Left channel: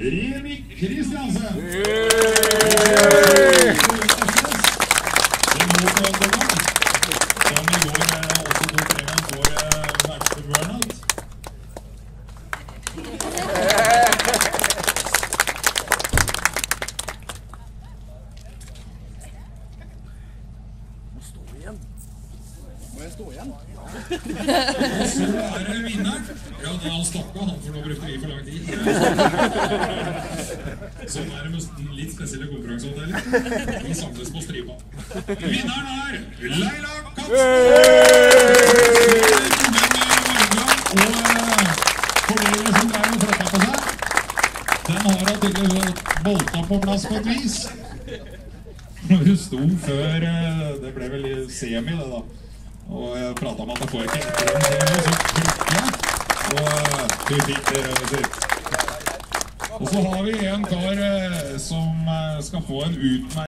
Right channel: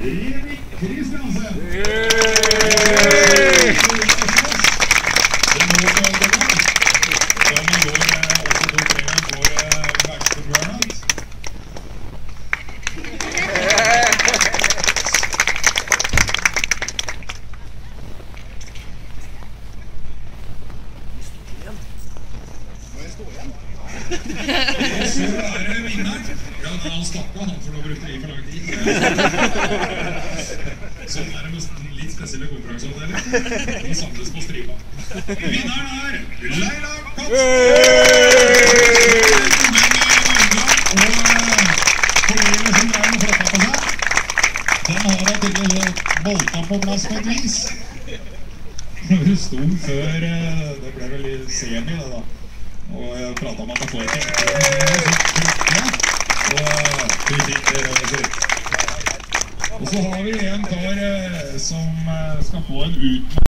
Remi Kristiansen. Som i går også tok med vår verste burnout. Og så det vinneren. Ja, da han stoppet han, for nå brukte det for lang tid. Sånn det med litt spesielle konkurranseavdeling. De samles på stripa. Vinneren Leila Katz! Og kolleger som drar med flokka på seg. Den har da tydeligvis bolta på plass på et vis. Og hun sto før, det ble vel i semi det da. Og jeg pratet om at jeg får ikke og så har vi en kar som skal få en utmerket